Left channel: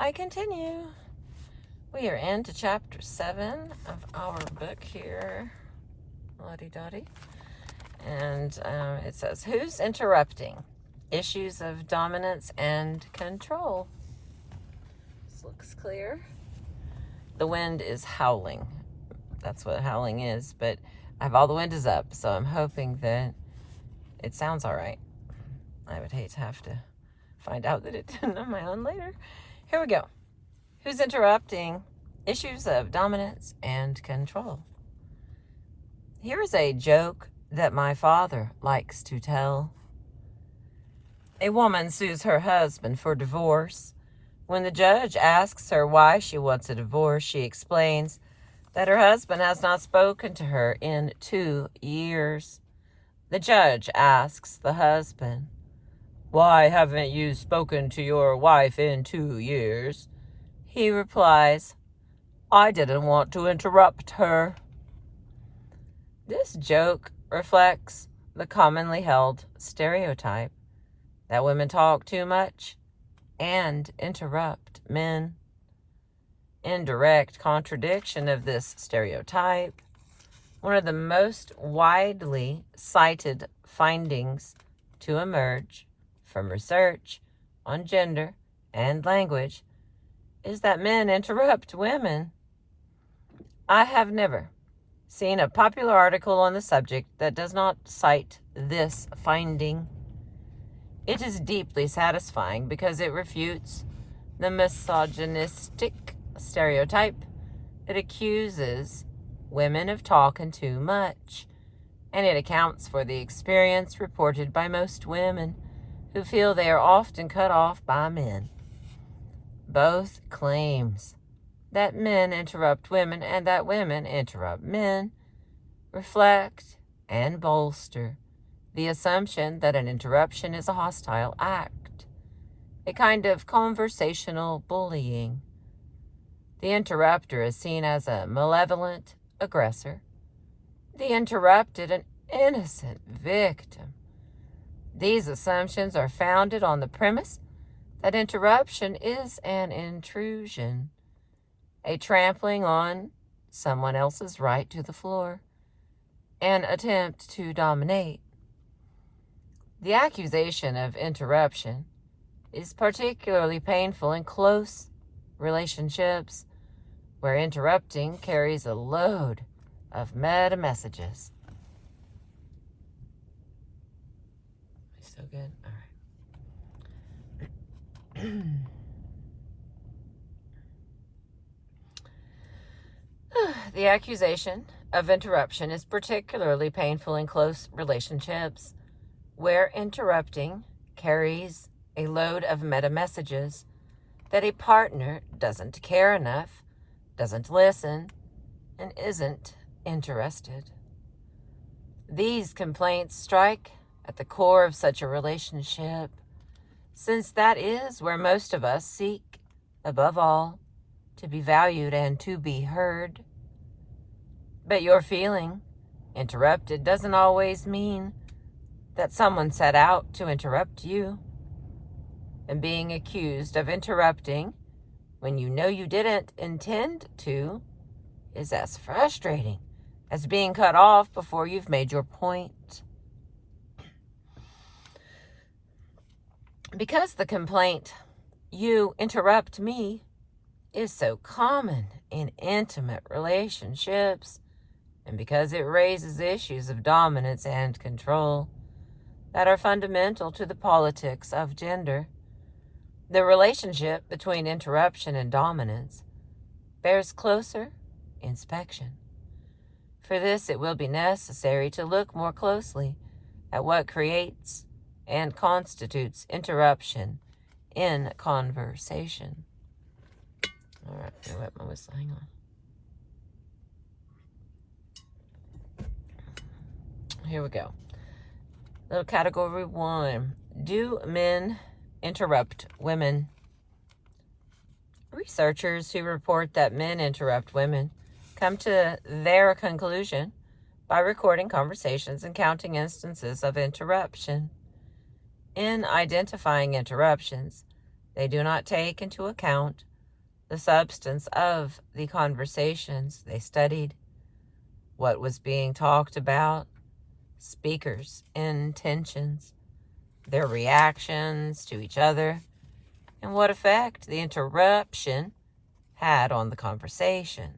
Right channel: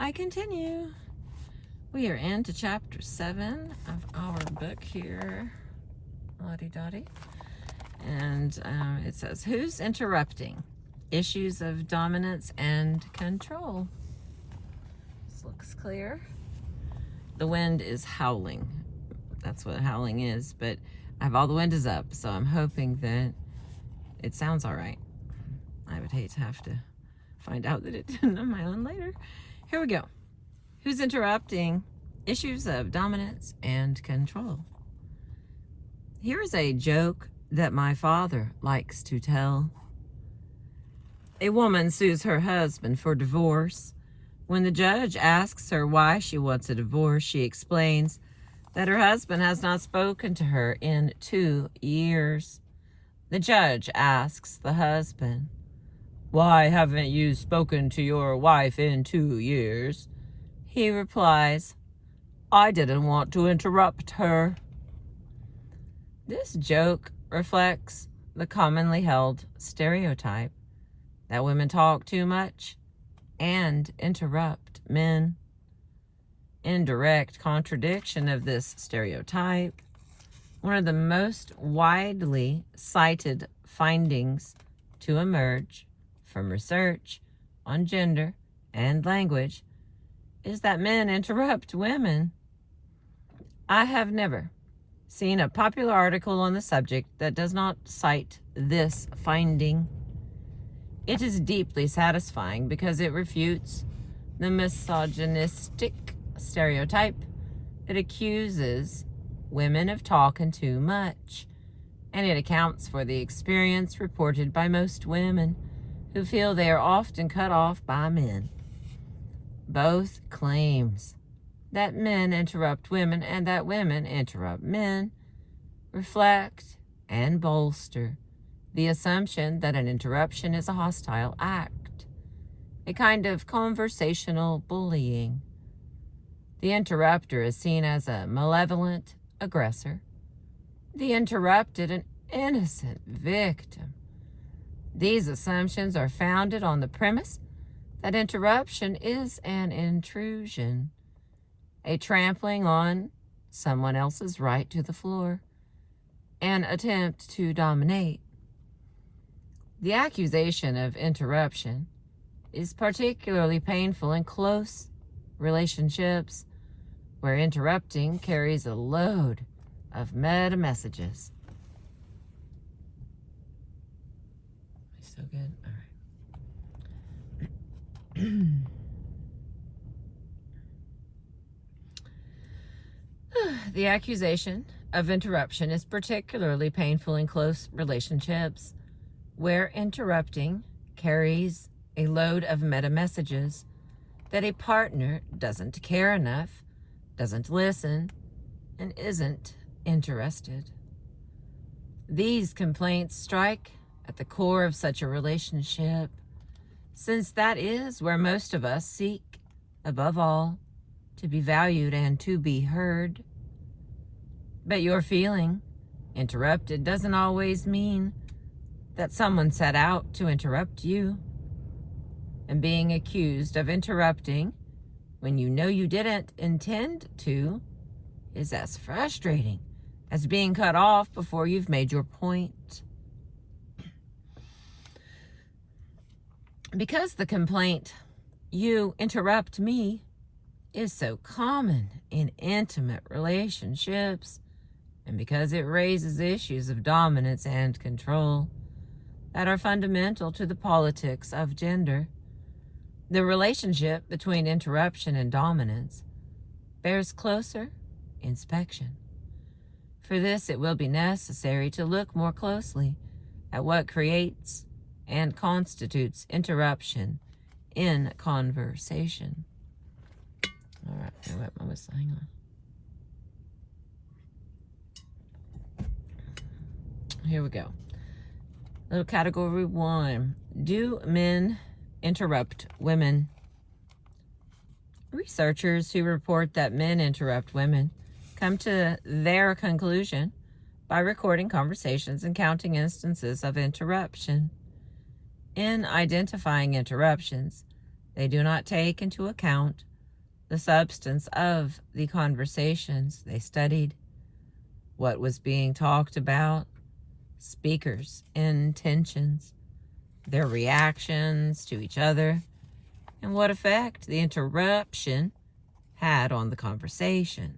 I continue. We are into chapter 7 of our book here. Lottie-dottie. And it says, who's interrupting? Issues of dominance and control. This looks clear. The wind is howling. That's what howling is, but I have all the windows up, so I'm hoping that it sounds all right. I would hate to have to find out that it didn't on my own later. Here we go. Who's interrupting? Issues of dominance and control. Here is a joke that my father likes to tell. A woman sues her husband for divorce. When the judge asks her why she wants a divorce, she explains that her husband has not spoken to her in 2 years. The judge asks the husband, "Why haven't you spoken to your wife in 2 years?" He replies, "I didn't want to interrupt her." This joke reflects the commonly held stereotype that women talk too much and interrupt men. In direct contradiction of this stereotype, one of the most widely cited findings to emerge from research on gender and language is that men interrupt women. I have never seen a popular article on the subject that does not cite this finding. It is deeply satisfying because it refutes the misogynistic stereotype that accuses women of talking too much, and it accounts for the experience reported by most women who feel they are often cut off by men. Both claims that men interrupt women and that women interrupt men reflect and bolster the assumption that an interruption is a hostile act, a kind of conversational bullying. The interrupter is seen as a malevolent aggressor, the interrupted an innocent victim. These assumptions are founded on the premise that interruption is an intrusion, a trampling on someone else's right to the floor, an attempt to dominate. The accusation of interruption is particularly painful in close relationships where interrupting carries a load of meta messages. Am I still good? All right. The accusation of interruption is particularly painful in close relationships where interrupting carries a load of meta messages that a partner doesn't care enough, doesn't listen, and isn't interested. These complaints strike at the core of such a relationship, since that is where most of us seek, above all, to be valued and to be heard. But your feeling interrupted doesn't always mean that someone set out to interrupt you. And being accused of interrupting when you know you didn't intend to is as frustrating as being cut off before you've made your point. Because the complaint, "You interrupt me," is so common in intimate relationships, and because it raises issues of dominance and control that are fundamental to the politics of gender, the relationship between interruption and dominance bears closer inspection. For this, it will be necessary to look more closely at what creates and constitutes interruption in conversation. All right, I'm gonna wet my whistle. Hang on. Here we go. Little category 1. Do men interrupt women? Researchers who report that men interrupt women come to their conclusion by recording conversations and counting instances of interruption. In identifying interruptions, They do not take into account the substance of the conversations they studied, what was being talked about, speakers' intentions, their reactions to each other, and what effect the interruption had on the conversation.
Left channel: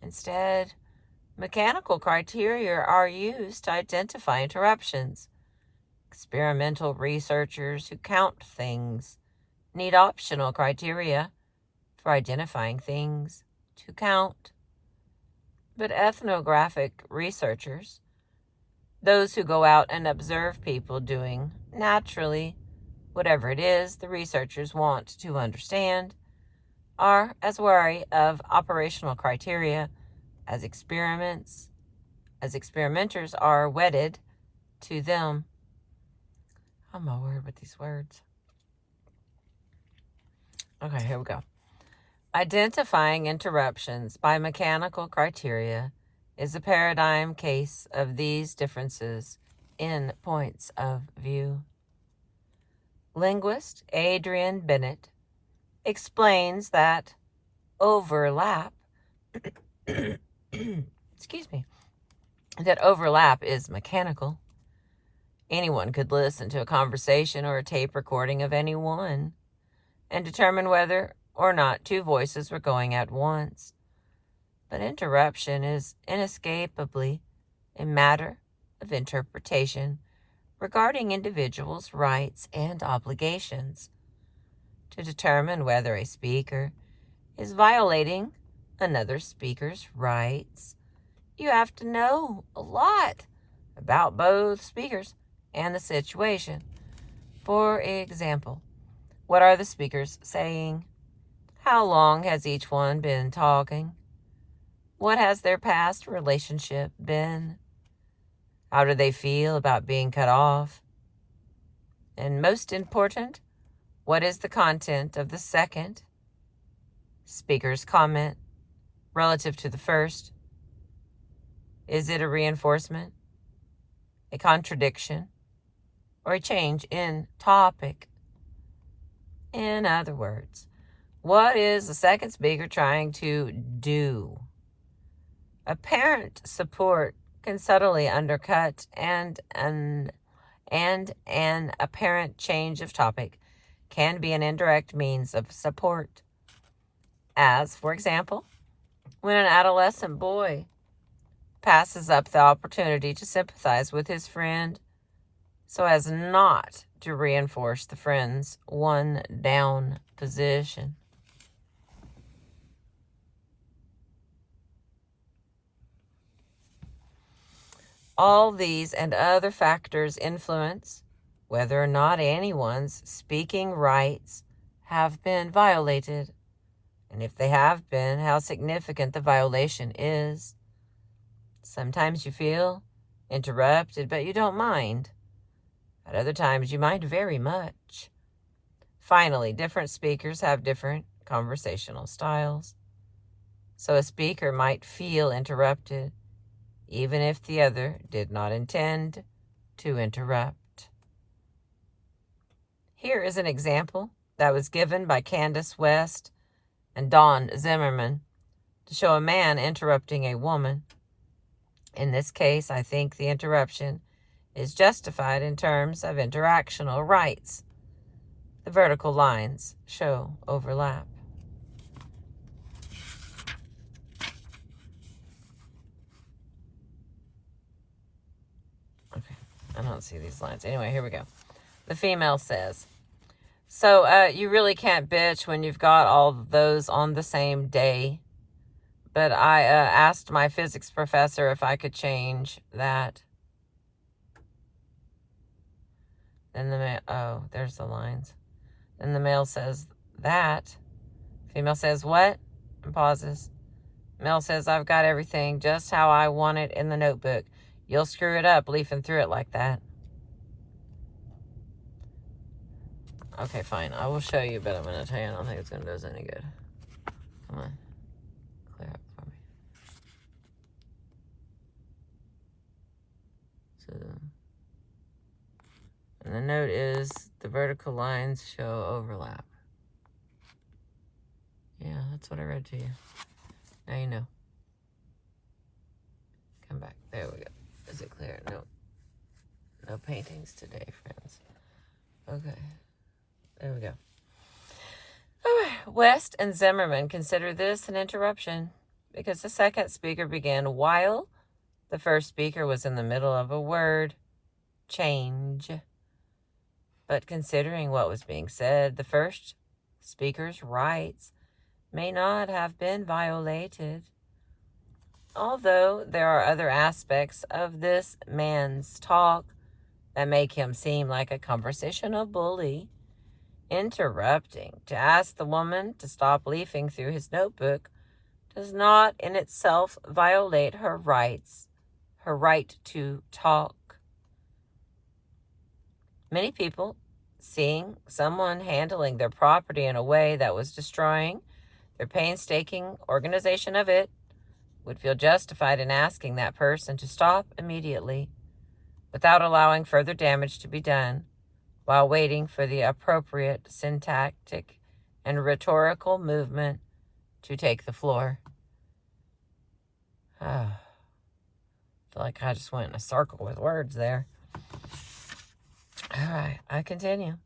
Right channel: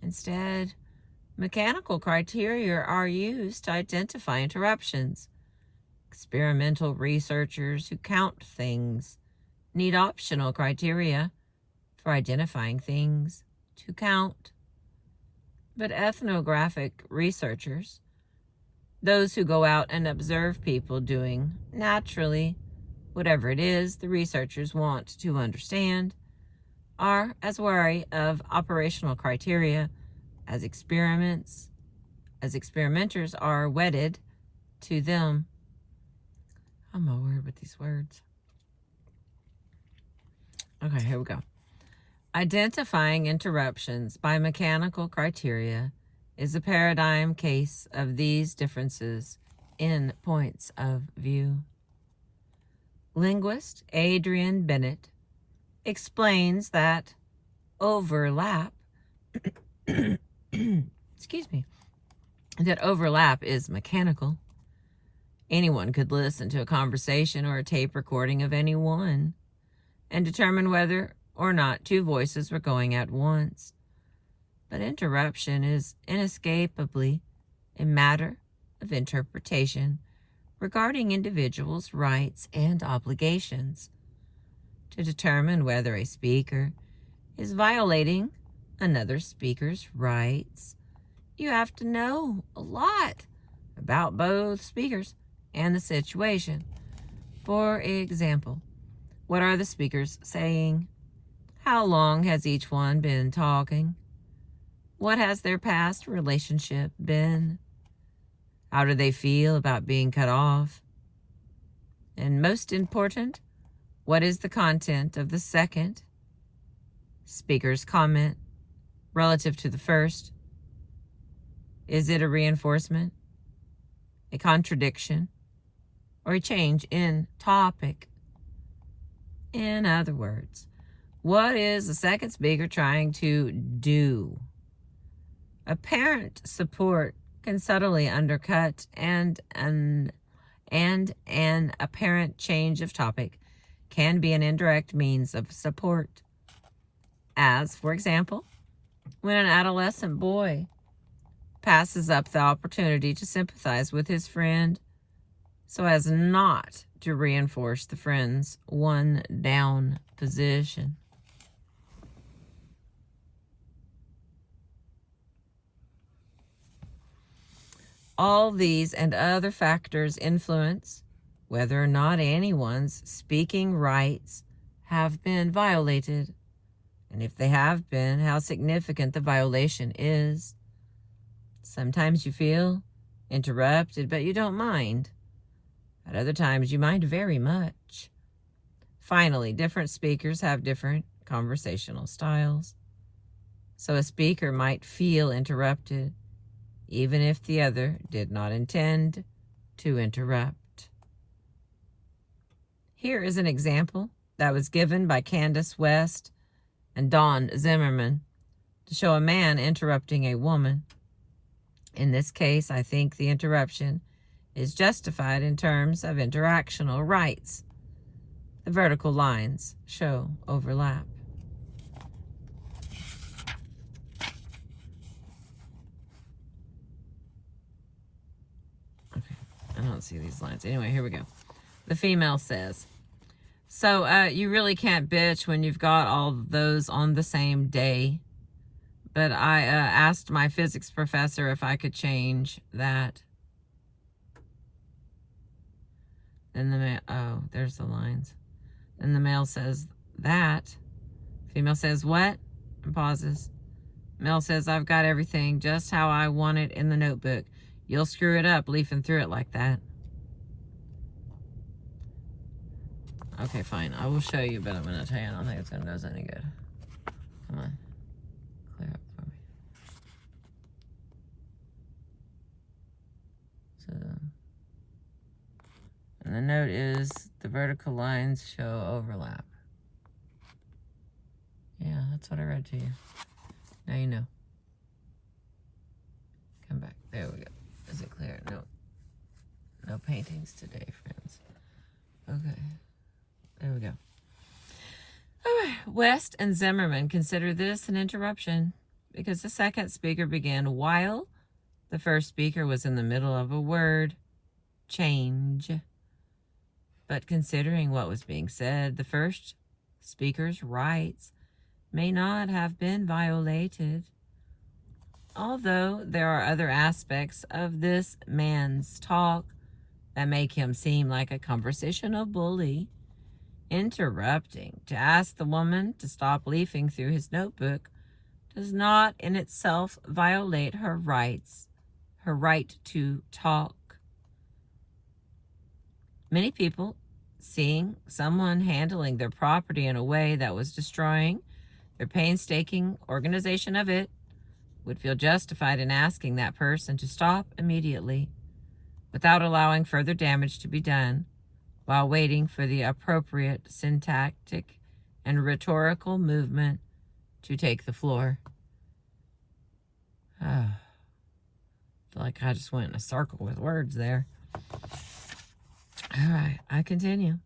Instead, mechanical criteria are used to identify interruptions. Experimental researchers who count things need optional criteria for identifying things to count. But ethnographic researchers, those who go out and observe people doing naturally whatever it is the researchers want to understand, are as wary of operational criteria as experimenters are wedded to them. I'm a word with these words. Okay, here we go. Identifying interruptions by mechanical criteria is a paradigm case of these differences in points of view. Linguist Adrian Bennett explains that overlap excuse me, that overlap is mechanical. Anyone could listen to a conversation or a tape recording of anyone and determine whether or not two voices were going at once. But interruption is inescapably a matter of interpretation regarding individuals' rights and obligations. To determine whether a speaker is violating another speaker's rights, you have to know a lot about both speakers and the situation. For example, what are the speakers saying? How long has each one been talking? What has their past relationship been? How do they feel about being cut off? And most important, what is the content of the second speaker's comment relative to the first? Is it a reinforcement, a contradiction, or a change in topic? In other words, what is the second speaker trying to do? Apparent support can subtly undercut and an apparent change of topic can be an indirect means of support. As, for example, when an adolescent boy passes up the opportunity to sympathize with his friend so as not to reinforce the friend's one down position. All these and other factors influence whether or not anyone's speaking rights have been violated, and if they have been, how significant the violation is. Sometimes you feel interrupted, but you don't mind. At other times, you mind very much. Finally, different speakers have different conversational styles. So a speaker might feel interrupted, even if the other did not intend to interrupt. Here is an example that was given by Candace West and Don Zimmerman to show a man interrupting a woman. In this case, I think the interruption is justified in terms of interactional rights. The vertical lines show overlap. Okay, I don't see these lines. Anyway, here we go. The female says, so you really can't bitch when you've got all those on the same day. But I asked my physics professor if I could change that. Then the male, oh, there's the lines. Then the male says that. Female says what? And pauses. Male says, I've got everything just how I want it in the notebook. You'll screw it up leafing through it like that. Okay, fine. I will show you, but I'm going to tell you I don't think it's going to do us any good. Come on. Clear up for me. So, and the note is The vertical lines show overlap. Yeah, that's what I read to you. Now you know. Come back. There we go. Is it clear? No. No paintings today, friends. Okay. There we go. All right. West and Zimmerman consider this an interruption because the second speaker began while the first speaker was in the middle of a word change. But considering what was being said, the first speaker's rights may not have been violated. Although there are other aspects of this man's talk that make him seem like a conversational bully, interrupting to ask the woman to stop leafing through his notebook does not in itself violate her rights, her right to talk. Many people, seeing someone handling their property in a way that was destroying their painstaking organization of it, would feel justified in asking that person to stop immediately without allowing further damage to be done while waiting for the appropriate syntactic and rhetorical movement to take the floor. I feel like I just went in a circle with words there. All right, I continue.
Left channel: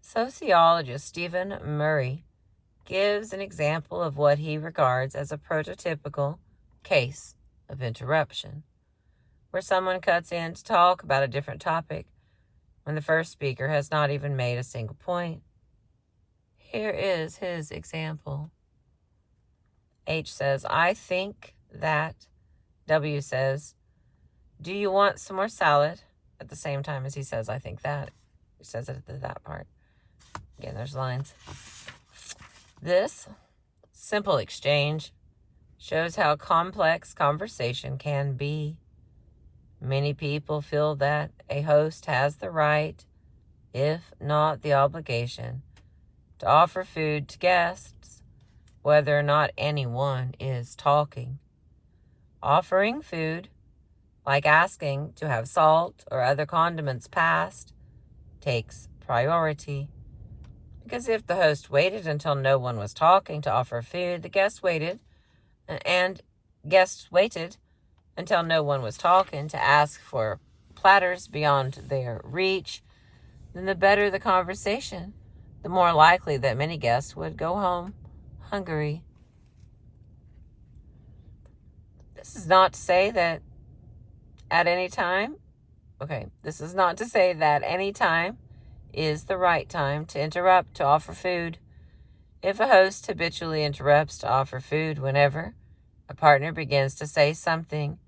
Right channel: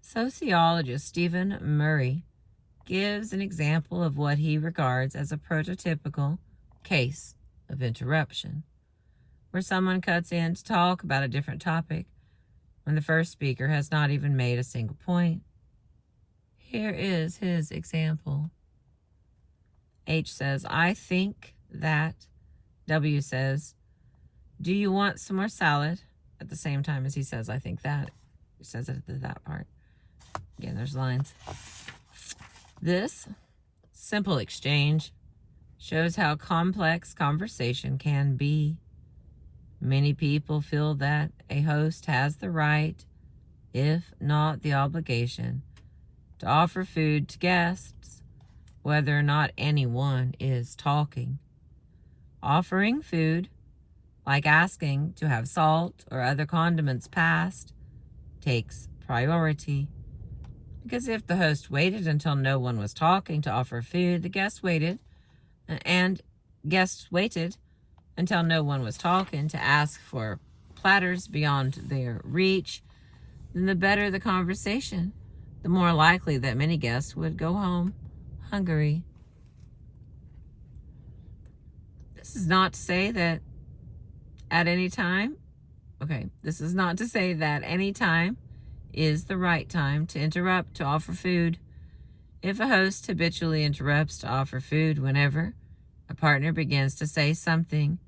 Sociologist Stephen Murray gives an example of what he regards as a prototypical case of interruption, where someone cuts in to talk about a different topic when the first speaker has not even made a single point. Here is his example. H says, I think that. W says, do you want some more salad? At the same time as he says, I think that. He says it at that part. Again, there's lines. This simple exchange shows how complex conversation can be. Many people feel that a host has the right, if not the obligation, to offer food to guests, whether or not anyone is talking. Offering food, like asking to have salt or other condiments passed, takes priority. Because if the host waited until no one was talking to offer food, the guests waited, and guests waited until no one was talking to ask for platters beyond their reach, then the better the conversation, the more likely that many guests would go home hungry. This is not to say that at any time, this is not to say that any time is the right time to interrupt to offer food. If a host habitually interrupts to offer food whenever a partner begins to say something,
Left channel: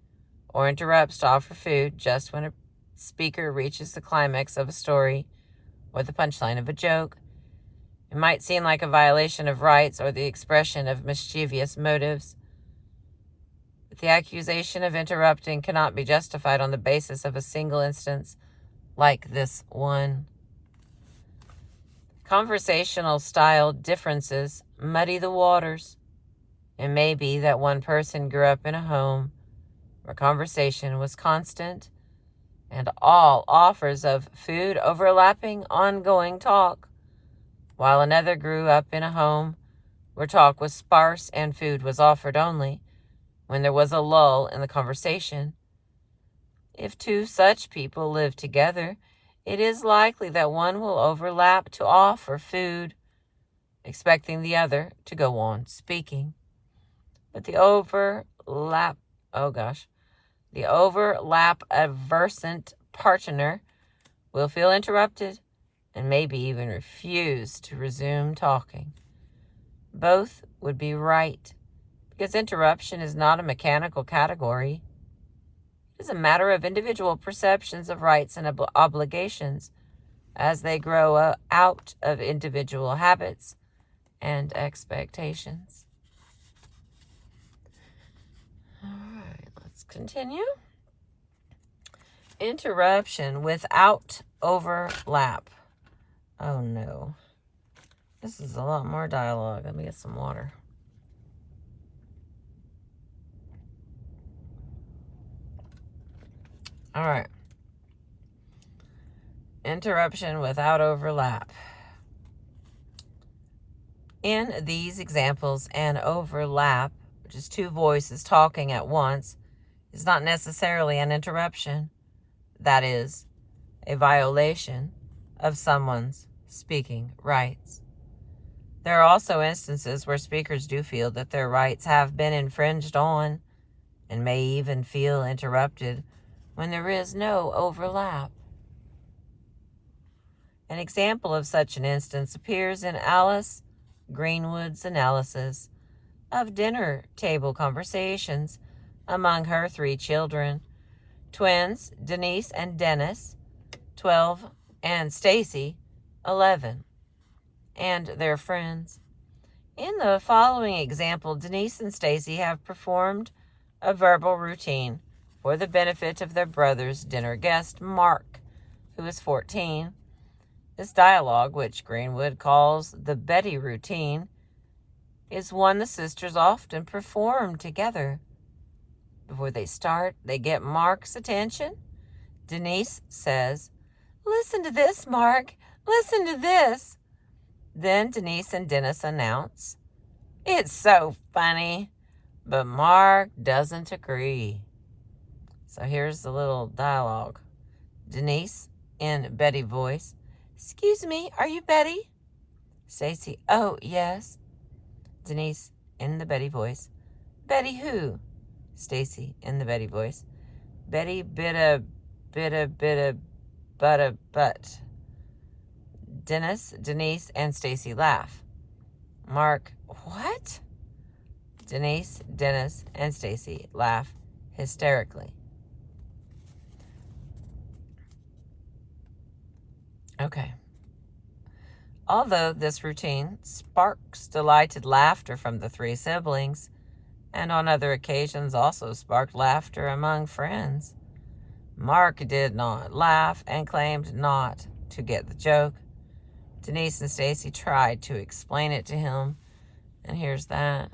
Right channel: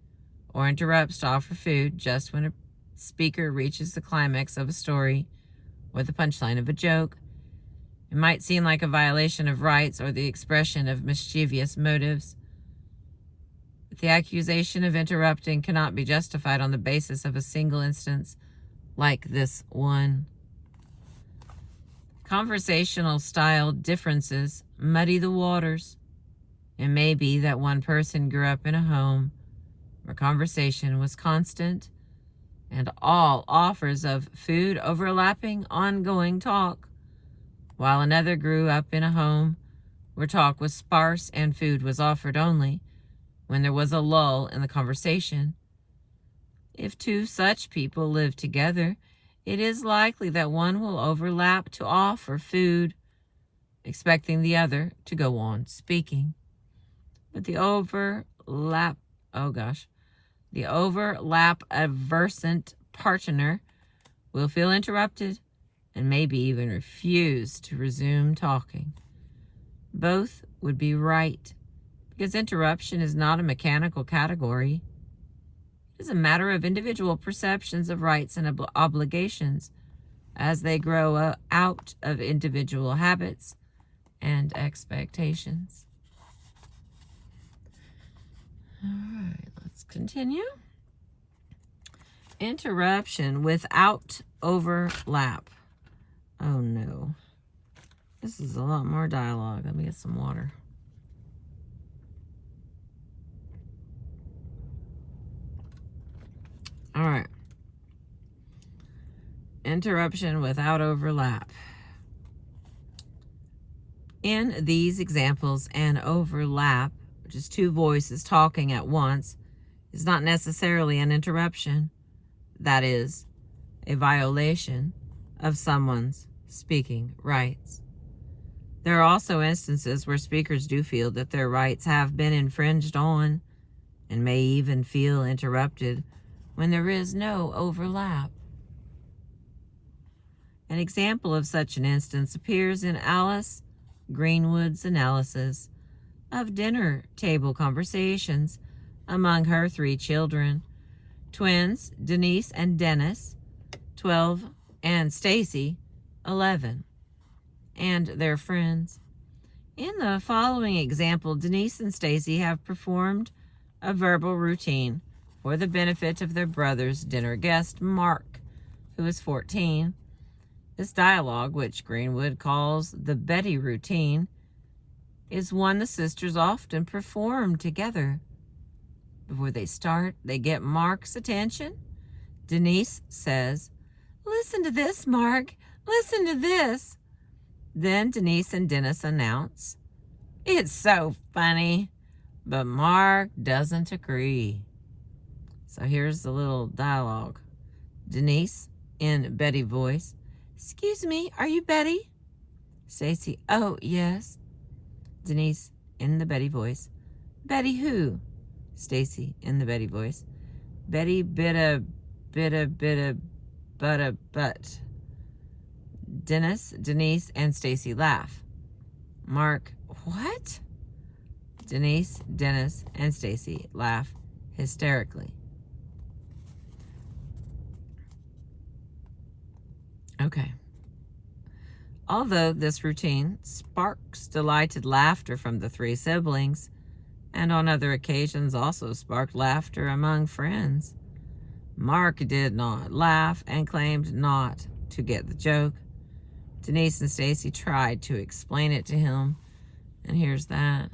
or interrupts to offer food just when a speaker reaches the climax of a story or the punchline of a joke, it might seem like a violation of rights or the expression of mischievous motives. But the accusation of interrupting cannot be justified on the basis of a single instance like this one. Conversational style differences muddy the waters. It may be that one person grew up in a home where conversation was constant and all offers of food overlapping ongoing talk, while another grew up in a home where talk was sparse and food was offered only when there was a lull in the conversation. If two such people live together, it is likely that one will overlap to offer food, expecting the other to go on speaking. But the overlap averse partner will feel interrupted and maybe even refuse to resume talking. Both would be right, because interruption is not a mechanical category. It is a matter of individual perceptions of rights and obligations as they grow out of individual habits and expectations. All right, let's continue. Interruption without overlap. Oh no. This is a lot more dialogue. Let me get some water. All right. Interruption without overlap. In these examples, an overlap, which is two voices talking at once, is not necessarily an interruption. That is, a violation of someone's speaking rights. There are also instances where speakers do feel that their rights have been infringed on and may even feel interrupted when there is no overlap. An example of such an instance appears in Alice Greenwood's analysis of dinner table conversations among her 3 children, twins Denise and Dennis, 12, and Stacy, 11, and their friends. In the following example, Denise and Stacy have performed a verbal routine for the benefit of their brother's dinner guest, Mark, who is 14. This dialogue, which Greenwood calls the Betty routine, is one the sisters often perform together. Before they start, they get Mark's attention. Denise says, "Listen to this, Mark. Listen to this." Then Denise and Dennis announce, "It's so funny." But Mark doesn't agree. So here's the little dialogue. Denise, in Betty voice, "Excuse me, are you Betty?" Stacy, "Oh, yes." Denise, in the Betty voice, "Betty who?" Stacy, in the Betty voice, "Betty bitta butta butt." Denise, and Stacy laugh. Mark, "What?" Denise, Dennis, and Stacy laugh hysterically. Okay. Although this routine sparks delighted laughter from the 3 siblings, and on other occasions also sparked laughter among friends, Mark did not laugh and claimed not to get the joke. Denise and Stacy tried to explain it to him, and here's that.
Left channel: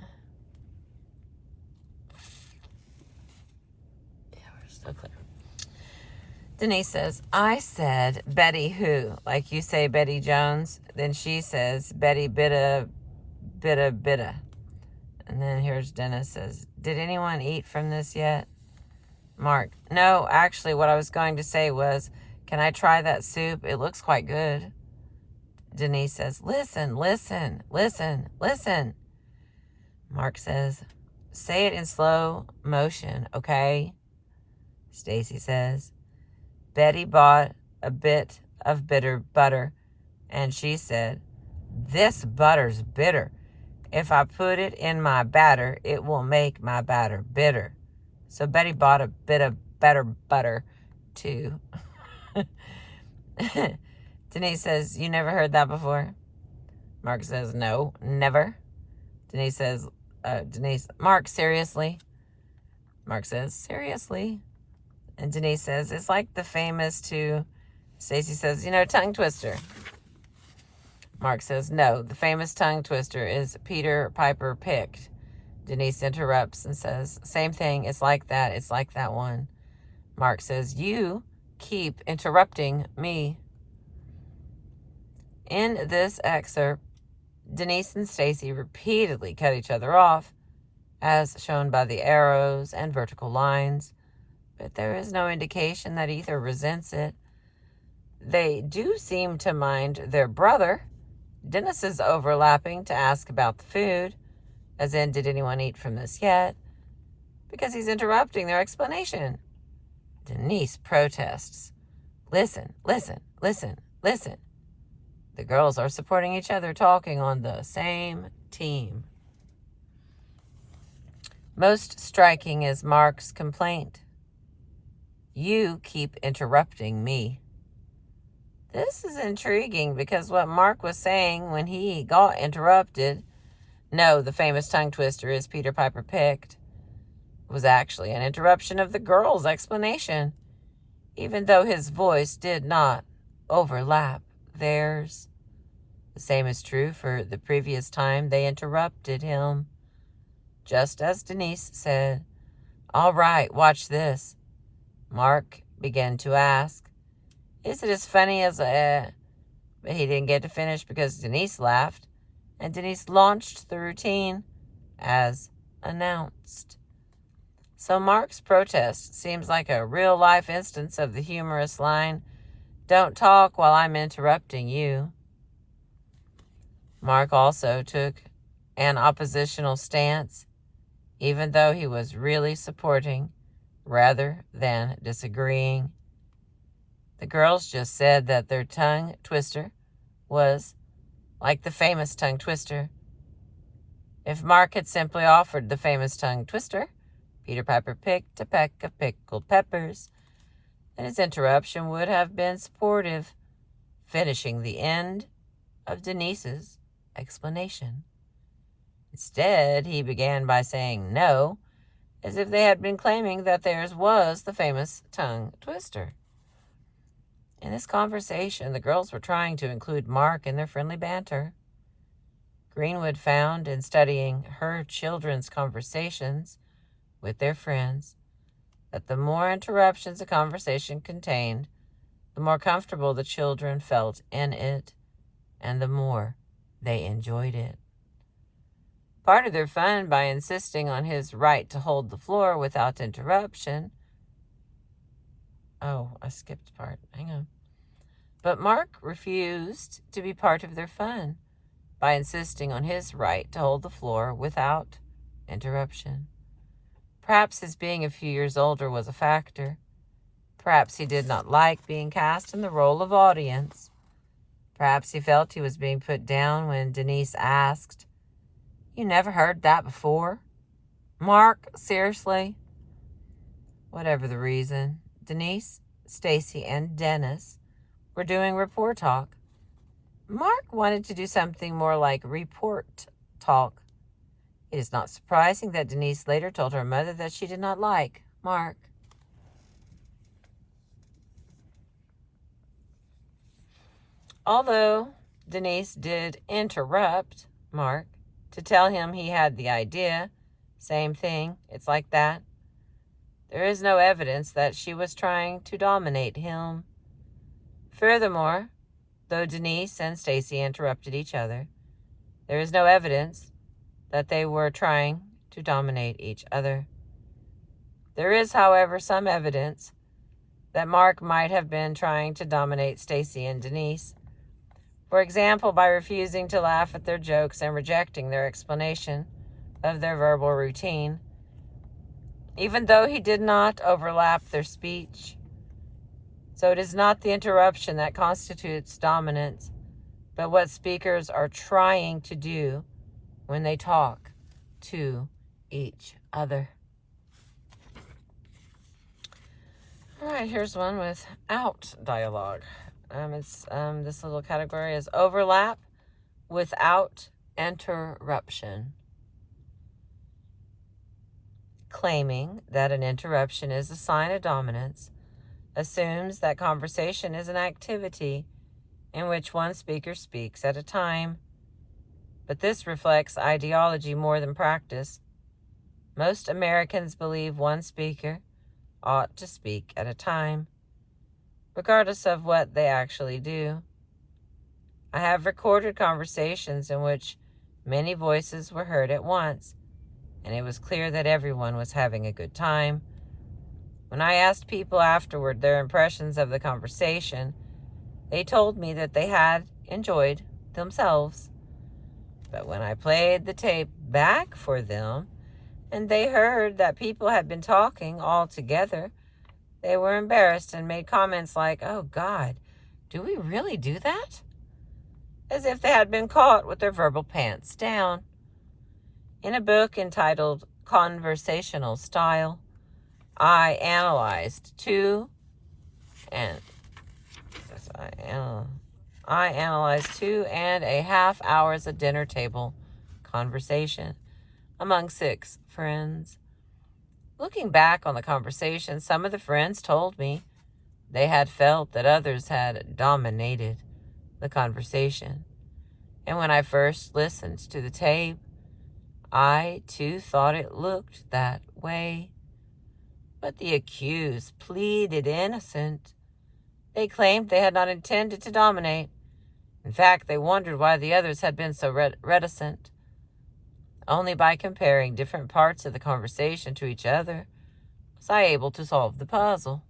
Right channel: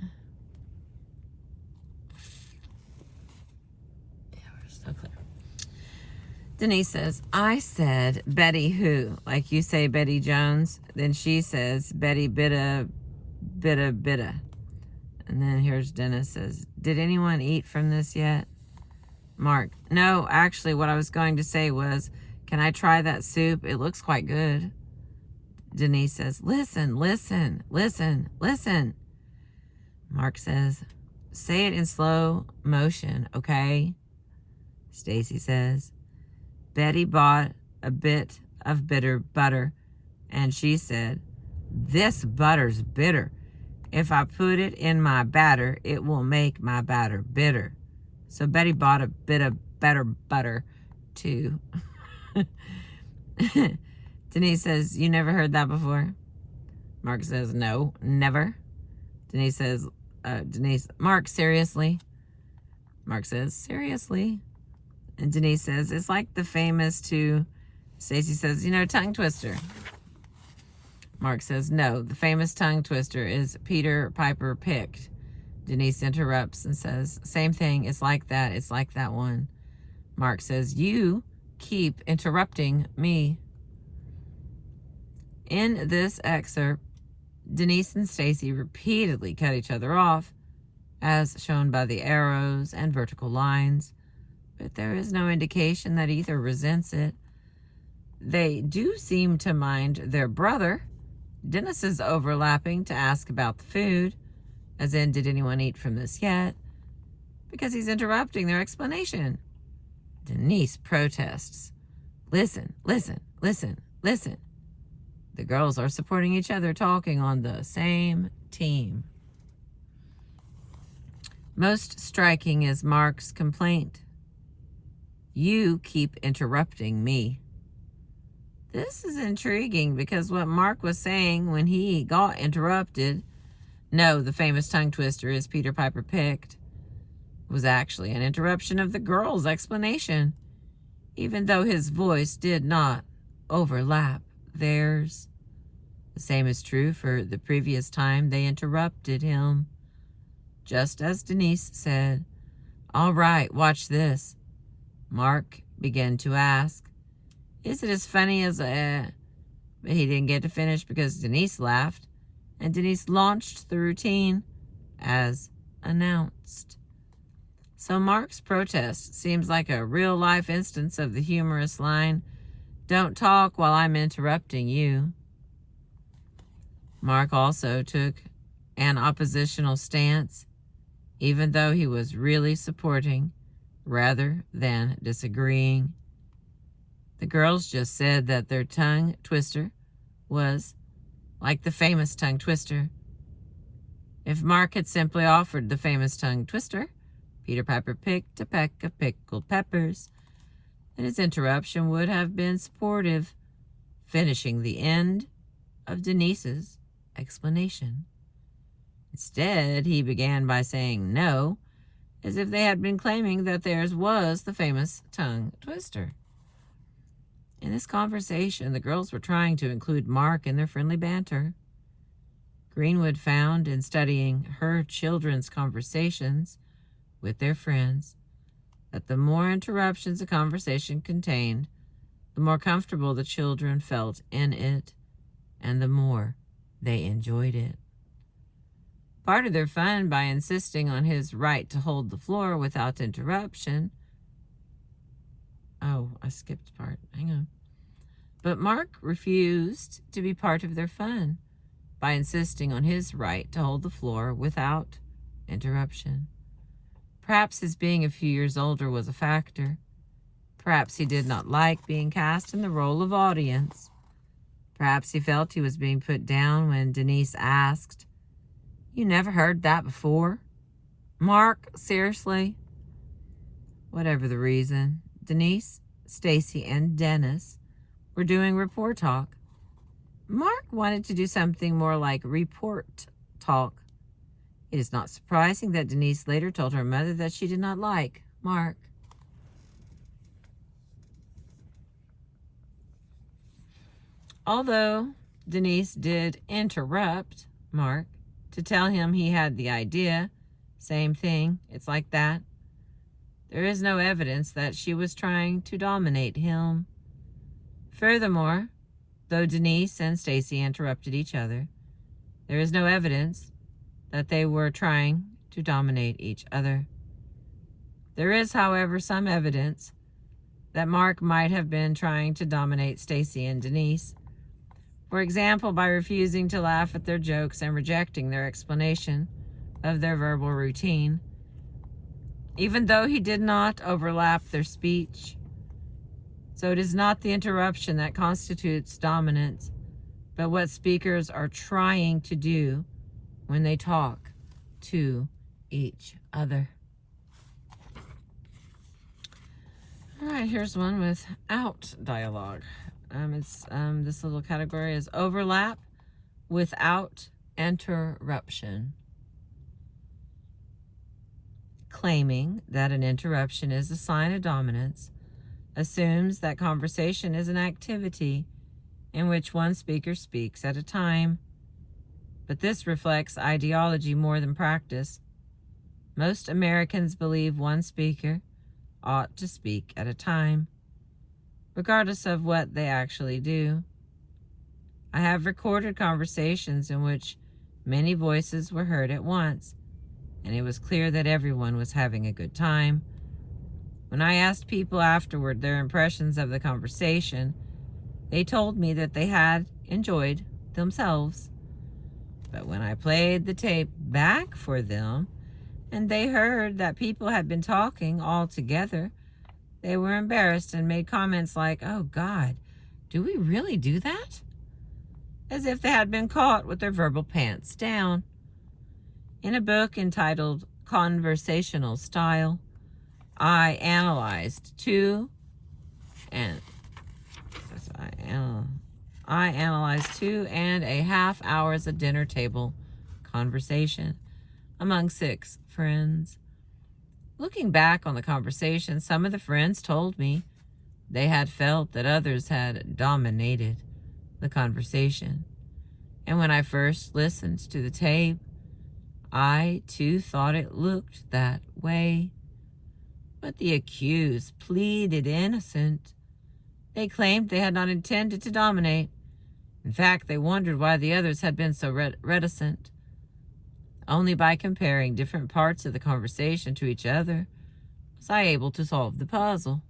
Yeah, we're so clear. Denise says, "I said Betty who, like you say Betty Jones." Then she says, "Betty bitta. And then here's Dennis says, "Did anyone eat from this yet?" Mark, "No, actually what I was going to say was, can I try that soup? It looks quite good." Denise says, "Listen. Mark says, "Say it in slow motion, okay?" Stacy says, "Betty bought a bit of bitter butter, and she said, 'This butter's bitter. If I put it in my batter, it will make my batter bitter.' So Betty bought a bit of better butter, too." Denise says, "You never heard that before?" Mark says, "No, never." Denise says, "Mark, seriously?" Mark says, "Seriously." And Denise says, "It's like the famous two." Stacy says, "Tongue twister." Mark says, "No, the famous tongue twister is Peter Piper picked." Denise interrupts and says, "Same thing. It's like that one." Mark says, "You keep interrupting me." In this excerpt, Denise and Stacy repeatedly cut each other off, as shown by the arrows and vertical lines, but there is no indication that either resents it. They do seem to mind their brother. Dennis is overlapping to ask about the food, as in, "Did anyone eat from this yet?" because he's interrupting their explanation. Denise protests, "Listen. The girls are supporting each other, talking on the same team. Most striking is Mark's complaint. "You keep interrupting me." This is intriguing because what Mark was saying when he got interrupted, "No, the famous tongue twister is Peter Piper picked," was actually an interruption of the girls' explanation, even though his voice did not overlap theirs. The same is true for the previous time they interrupted him. Just as Denise said, "All right, watch this," Mark began to ask, Is it as funny as But he didn't get to finish because Denise laughed, and Denise launched the routine as announced. So Mark's protest seems like a real-life instance of the humorous line, "Don't talk while I'm interrupting you." Mark also took an oppositional stance, even though he was really supporting rather than disagreeing. The girls just said that their tongue twister was like the famous tongue twister. If Mark had simply offered the famous tongue twister, Peter Piper picked a peck of pickled peppers, then his interruption would have been supportive, finishing the end of Denise's explanation. Instead, he began by saying no, as if they had been claiming that theirs was the famous tongue twister. In this conversation, the girls were trying to include Mark in their friendly banter. Greenwood found in studying her children's conversations with their friends that the more interruptions a conversation contained, the more comfortable the children felt in it, and the more they enjoyed it. Part of their fun by insisting on his right to hold the floor without interruption. Oh, I skipped a part. Hang on. But Mark refused to be part of their fun by insisting on his right to hold the floor without interruption. Perhaps his being a few years older was a factor. Perhaps he did not like being cast in the role of audience. Perhaps he felt he was being put down when Denise asked, "You never heard that before? Mark, seriously?" Whatever the reason, Denise, Stacy, and Dennis were doing report talk. Mark wanted to do something more like report talk. It is not surprising that Denise later told her mother that she did not like Mark. Although Denise did interrupt Mark to tell him he had the idea, same thing, it's like that, there is no evidence that she was trying to dominate him. Furthermore, though Denise and Stacy interrupted each other, there is no evidence that they were trying to dominate each other. There is, however, some evidence that Mark might have been trying to dominate Stacy and Denise. For example, by refusing to laugh at their jokes and rejecting their explanation of their verbal routine, even though he did not overlap their speech. So it is not the interruption that constitutes dominance, but what speakers are trying to do when they talk to each other. All right, here's one without dialogue. This little category is overlap without interruption. Claiming that an interruption is a sign of dominance assumes that conversation is an activity in which one speaker speaks at a time. But this reflects ideology more than practice. Most Americans believe one speaker ought to speak at a time, regardless of what they actually do. I have recorded conversations in which many voices were heard at once, and it was clear that everyone was having a good time. When I asked people afterward their impressions of the conversation, they told me that they had enjoyed themselves. But when I played the tape back for them, and they heard that people had been talking all together, they were embarrassed and made comments like, "Oh God, do we really do that?" As if they had been caught with their verbal pants down. In a book entitled Conversational Style, I analyzed 2.5 hours of dinner table conversation among 6 friends. Looking back on the conversation, some of the friends told me they had felt that others had dominated the conversation. And when I first listened to the tape, I too thought it looked that way. But the accused pleaded innocent. They claimed they had not intended to dominate. In fact, they wondered why the others had been so reticent. Only by comparing different parts of the conversation to each other was I able to solve the puzzle.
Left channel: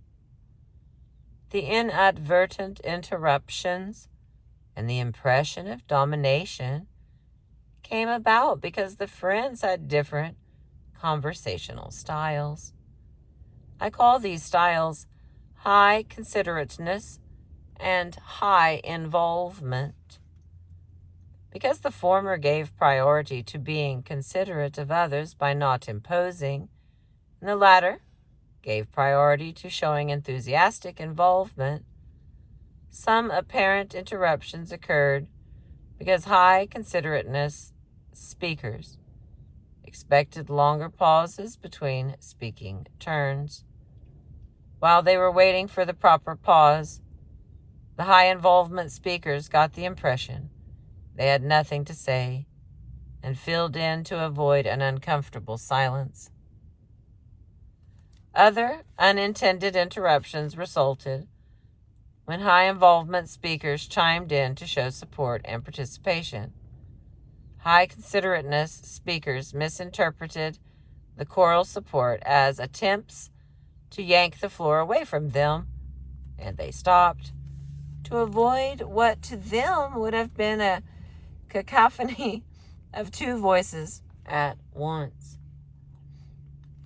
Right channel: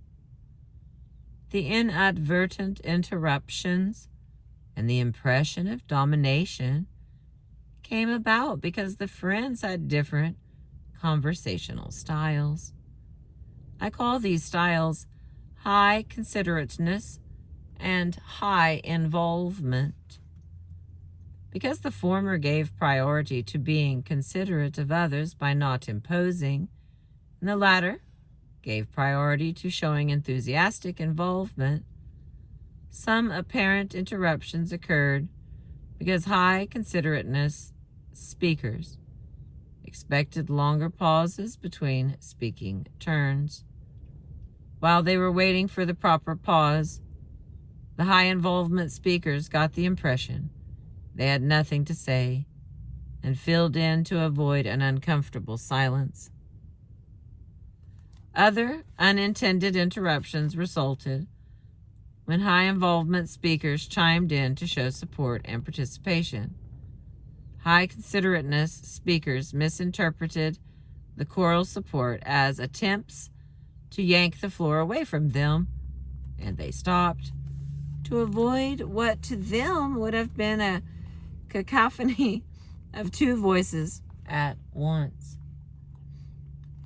The inadvertent interruptions and the impression of domination came about because the friends had different conversational styles. I call these styles high considerateness and high involvement. Because the former gave priority to being considerate of others by not imposing, and the latter gave priority to showing enthusiastic involvement, some apparent interruptions occurred because high considerateness speakers expected longer pauses between speaking turns. While they were waiting for the proper pause, the high involvement speakers got the impression they had nothing to say and filled in to avoid an uncomfortable silence. Other unintended interruptions resulted when high involvement speakers chimed in to show support and participation. High considerateness speakers misinterpreted the choral support as attempts to yank the floor away from them, and they stopped to avoid what to them would have been a cacophony of two voices at once.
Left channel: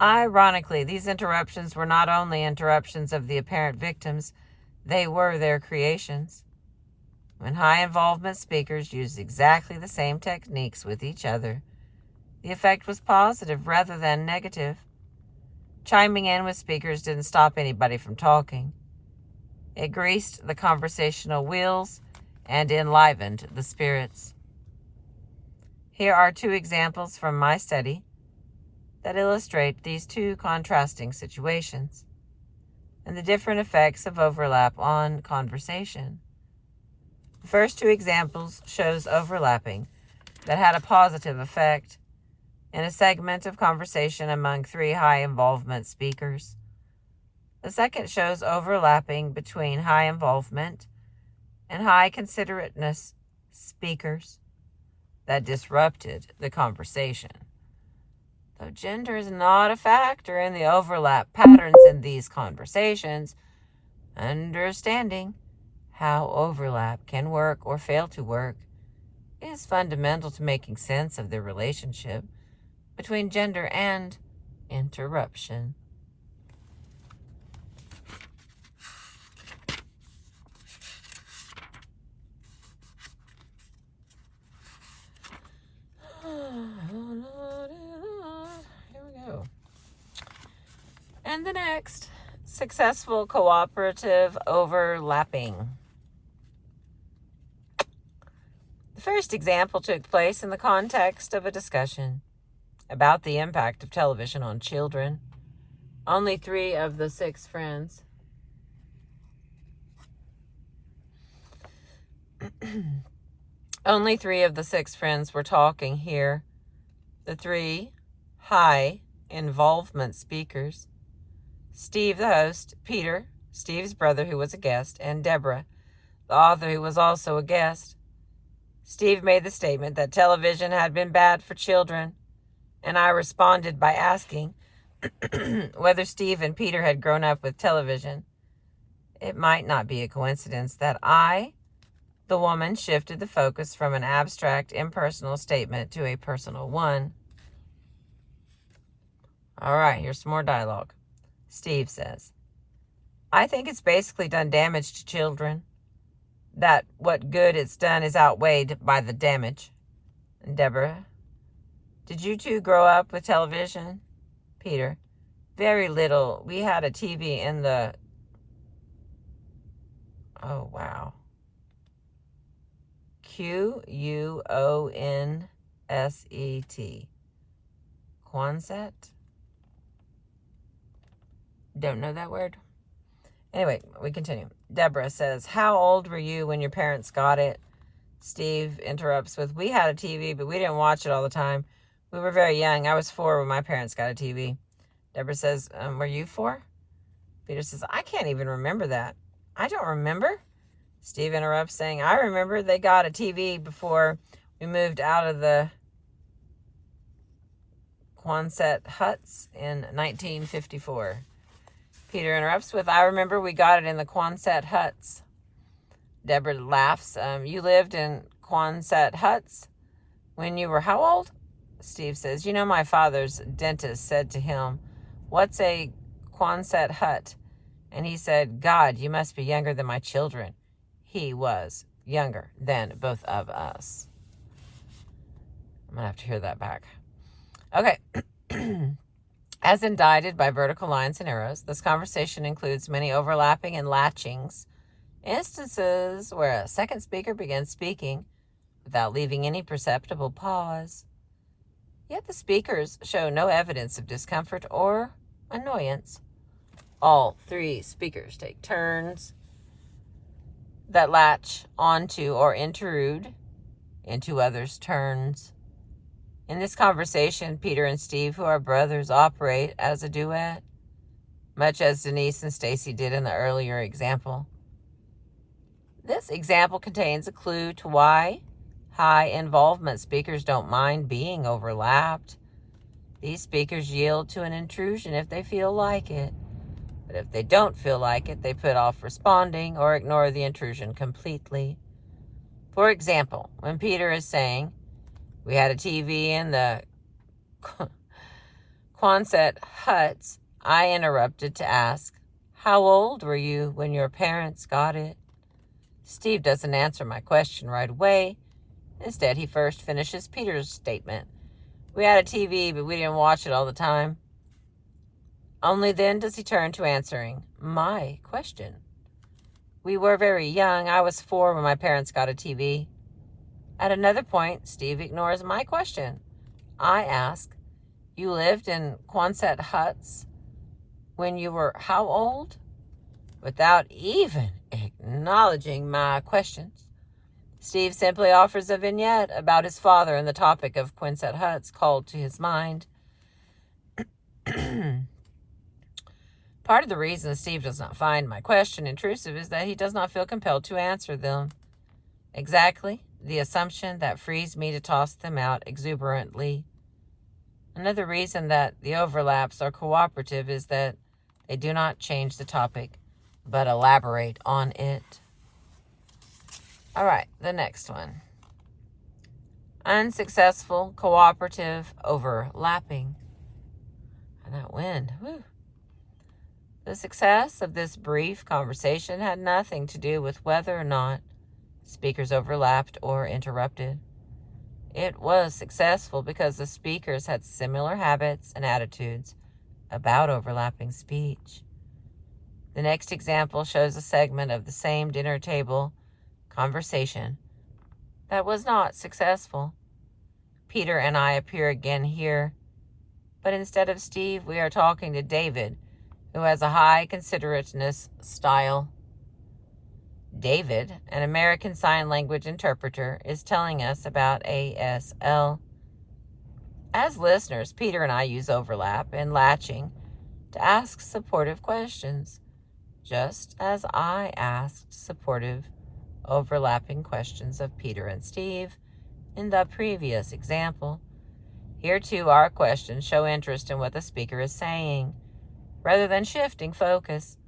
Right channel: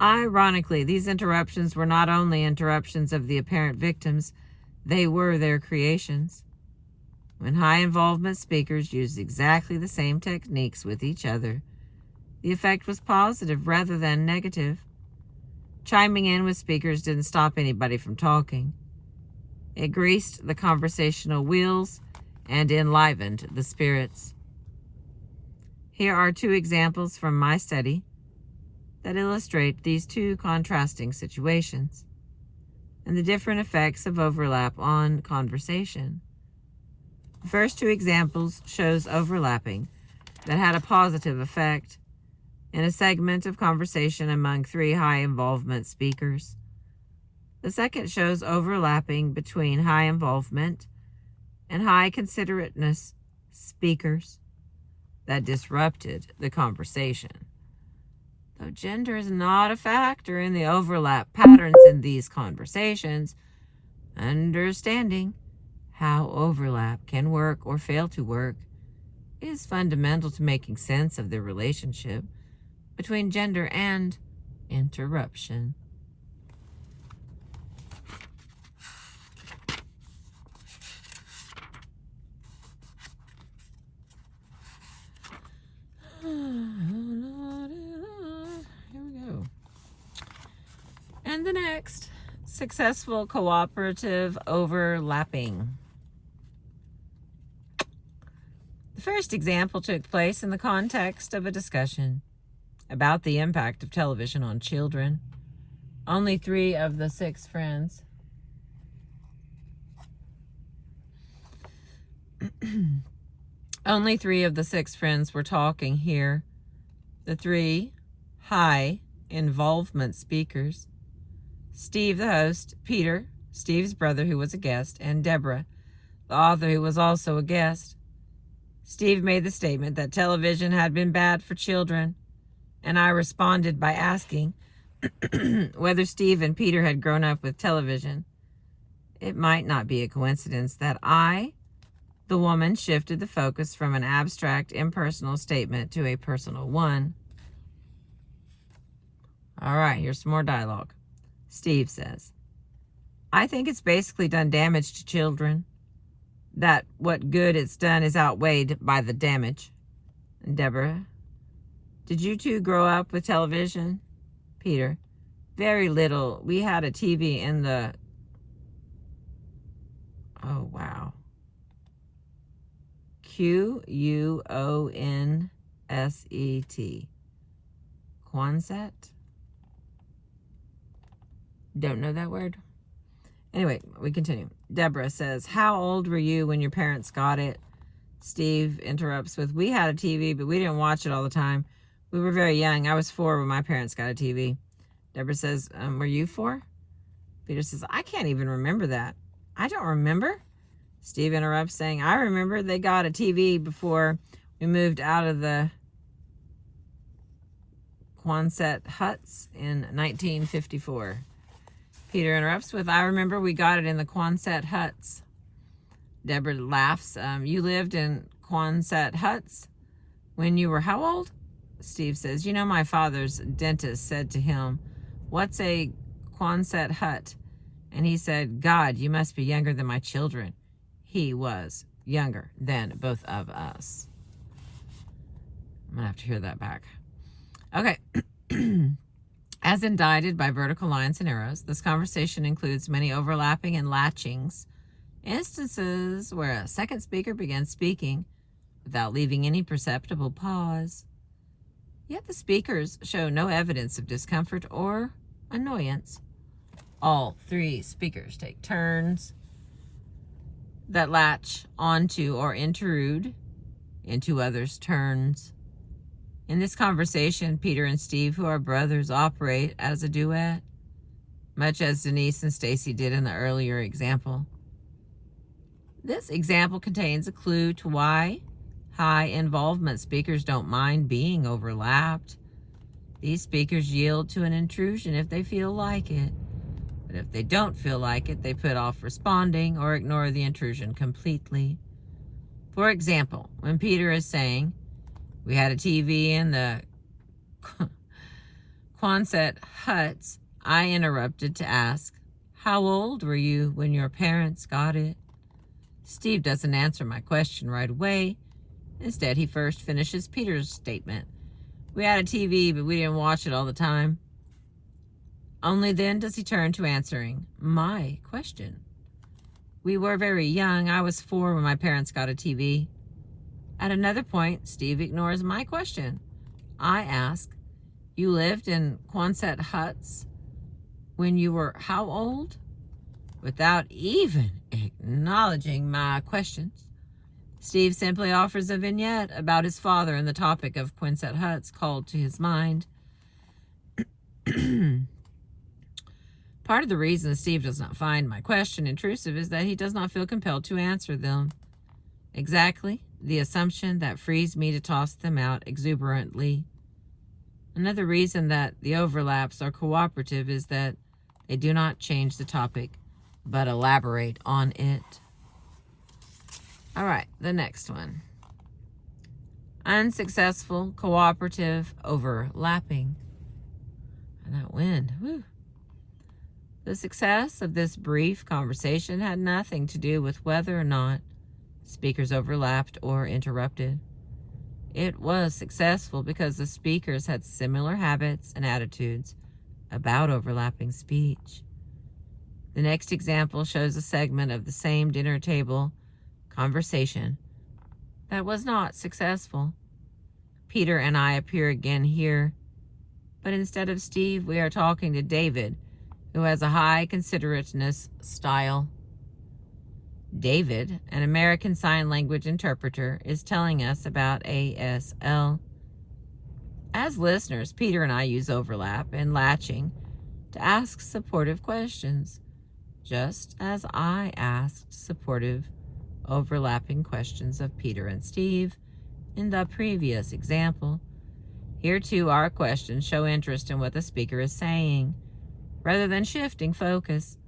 Ironically, these interruptions were not only interruptions of the apparent victims, they were their creations. When high involvement speakers used exactly the same techniques with each other, the effect was positive rather than negative. Chiming in with speakers didn't stop anybody from talking. It greased the conversational wheels and enlivened the spirits. Here are two examples from my study that illustrate these two contrasting situations and the different effects of overlap on conversation. The first two examples shows overlapping that had a positive effect in a segment of conversation among three high involvement speakers. The second shows overlapping between high involvement and high considerateness speakers that disrupted the conversation. Though gender is not a factor in the overlap patterns in these conversations, understanding how overlap can work or fail to work is fundamental to making sense of the relationship between gender and interruption. Here we go. And the next, successful cooperative overlapping. The first example took place in the context of a discussion about the impact of television on children. Only 3 of the 6 friends Only 3 of the 6 friends were talking here. The 3 high involvement speakers: Steve, the host; Peter, Steve's brother, who was a guest; and Deborah, the author, who was also a guest. Steve made the statement that television had been bad for children, and I responded by asking whether Steve and Peter had grown up with television. It might not be a coincidence that I, the woman, shifted the focus from an abstract, impersonal statement to a personal one. All right, here's some more dialogue. Steve says, I think it's basically done damage to children. That what good it's done is outweighed by the damage. And Deborah, did you two grow up with television? Peter, very little. We had a TV in the... Oh, wow. Quonset. Quonset? Don't know that word. Anyway, we continue. Deborah says, how old were you when your parents got it? Steve interrupts with, we had a TV, but we didn't watch it all the time. We were very young. I was 4 when my parents got a TV. Deborah says, were you 4? Peter says, I can't even remember that. I don't remember. Steve interrupts, saying, I remember they got a TV before we moved out of the Quonset huts in 1954. Peter interrupts with, I remember we got it in the Quonset huts. Deborah laughs. You lived in Quonset huts when you were how old? Steve says, you know, my father's dentist said to him, what's a Quonset hut? And he said, God, you must be younger than my children. He was younger than both of us. I'm going to have to hear that back. Okay. As indicted by vertical lines and arrows, this conversation includes many overlapping and latchings, instances where a second speaker begins speaking without leaving any perceptible pause. Yet the speakers show no evidence of discomfort or annoyance. All three speakers take turns that latch onto or intrude into others' turns. In this conversation, Peter and Steve, who are brothers, operate as a duet, much as Denise and Stacy did in the earlier example. This example contains a clue to why high involvement speakers don't mind being overlapped. These speakers yield to an intrusion if they feel like it. But if they don't feel like it, they put off responding or ignore the intrusion completely. For example, when Peter is saying, we had a TV in the Quonset huts, I interrupted to ask, how old were you when your parents got it? Steve doesn't answer my question right away. Instead, he first finishes Peter's statement. We had a TV, but we didn't watch it all the time. Only then does he turn to answering my question. We were very young. I was 4 when my parents got a TV. At another point, Steve ignores my question. I ask, you lived in Quonset huts when you were how old? Without even acknowledging my questions, Steve simply offers a vignette about his father and the topic of Quonset huts called to his mind. Part of the reason Steve does not find my question intrusive is that he does not feel compelled to answer them. Exactly the assumption that frees me to toss them out exuberantly. Another reason that the overlaps are cooperative is that they do not change the topic, but elaborate on it. All right, the next one. Unsuccessful cooperative overlapping. And that wind, whew. The success of this brief conversation had nothing to do with whether or not speakers overlapped or interrupted. It was successful because the speakers had similar habits and attitudes about overlapping speech. The next example shows a segment of the same dinner table conversation that was not successful. Peter and I appear again here, but instead of Steve, we are talking to David, who has a high considerateness style. David, an American Sign Language interpreter, is telling us about ASL. As listeners, Peter and I use overlap and latching to ask supportive questions, just as I asked supportive, overlapping questions of Peter and Steve in the previous example. Here too, our questions show interest in what the speaker is saying, rather than shifting focus,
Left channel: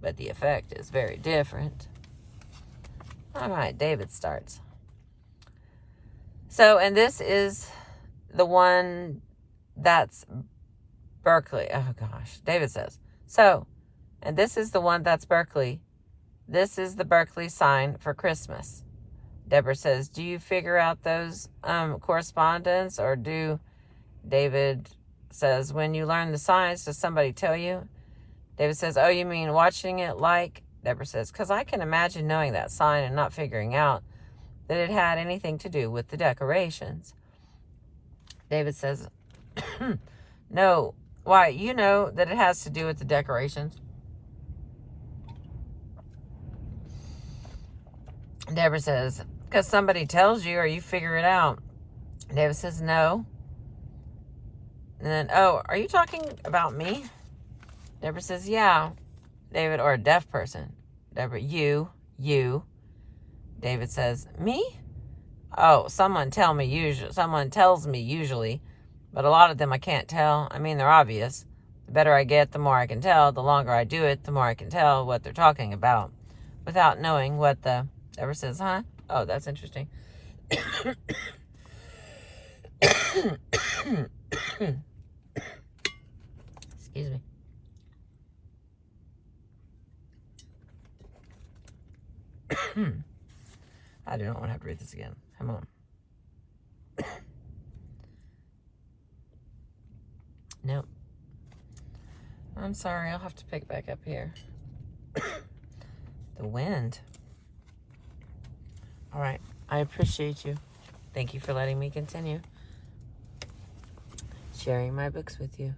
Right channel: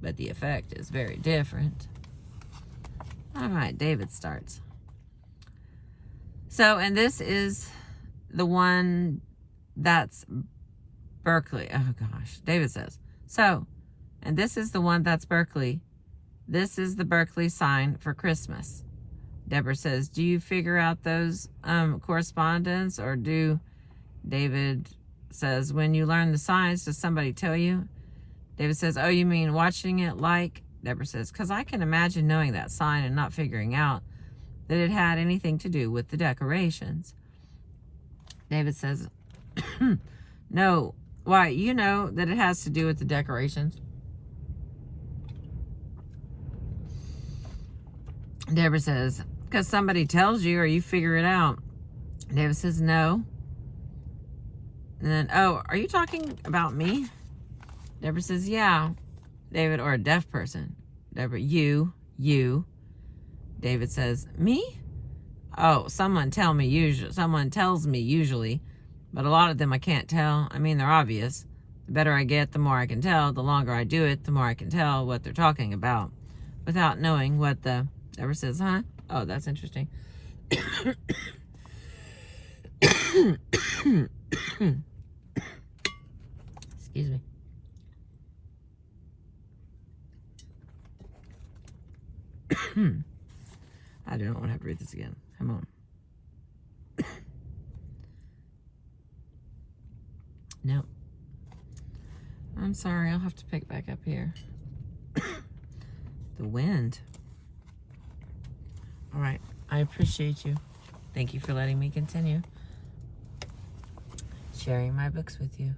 but the effect is very different. All right, David starts. So, and this is the one that's Berkeley. Oh gosh, David says. So, and this is the one that's Berkeley. This is the Berkeley sign for Christmas. Deborah says, do you figure out those correspondence, or do? David says, when you learn the signs, does somebody tell you? David says, oh, you mean watching it like? Deborah says, because I can imagine knowing that sign and not figuring out that it had anything to do with the decorations. David says, no, why, you know that it has to do with the decorations? Deborah says, because somebody tells you or you figure it out. David says, no. And then, oh, are you talking about me? Deborah says, yeah. David, or a deaf person. Deborah, you. David says, me? Oh, someone tells me usually, but a lot of them I can't tell. I mean, they're obvious. The better I get, the more I can tell. The longer I do it, the more I can tell what they're talking about without knowing what the... Deborah says, huh? Oh, that's interesting. Excuse me. I do not want to have to read this again. Come on. Nope. I'm sorry. I'll have to pick back up here. The wind. All right. I appreciate you. Thank you for letting me continue sharing my books with you.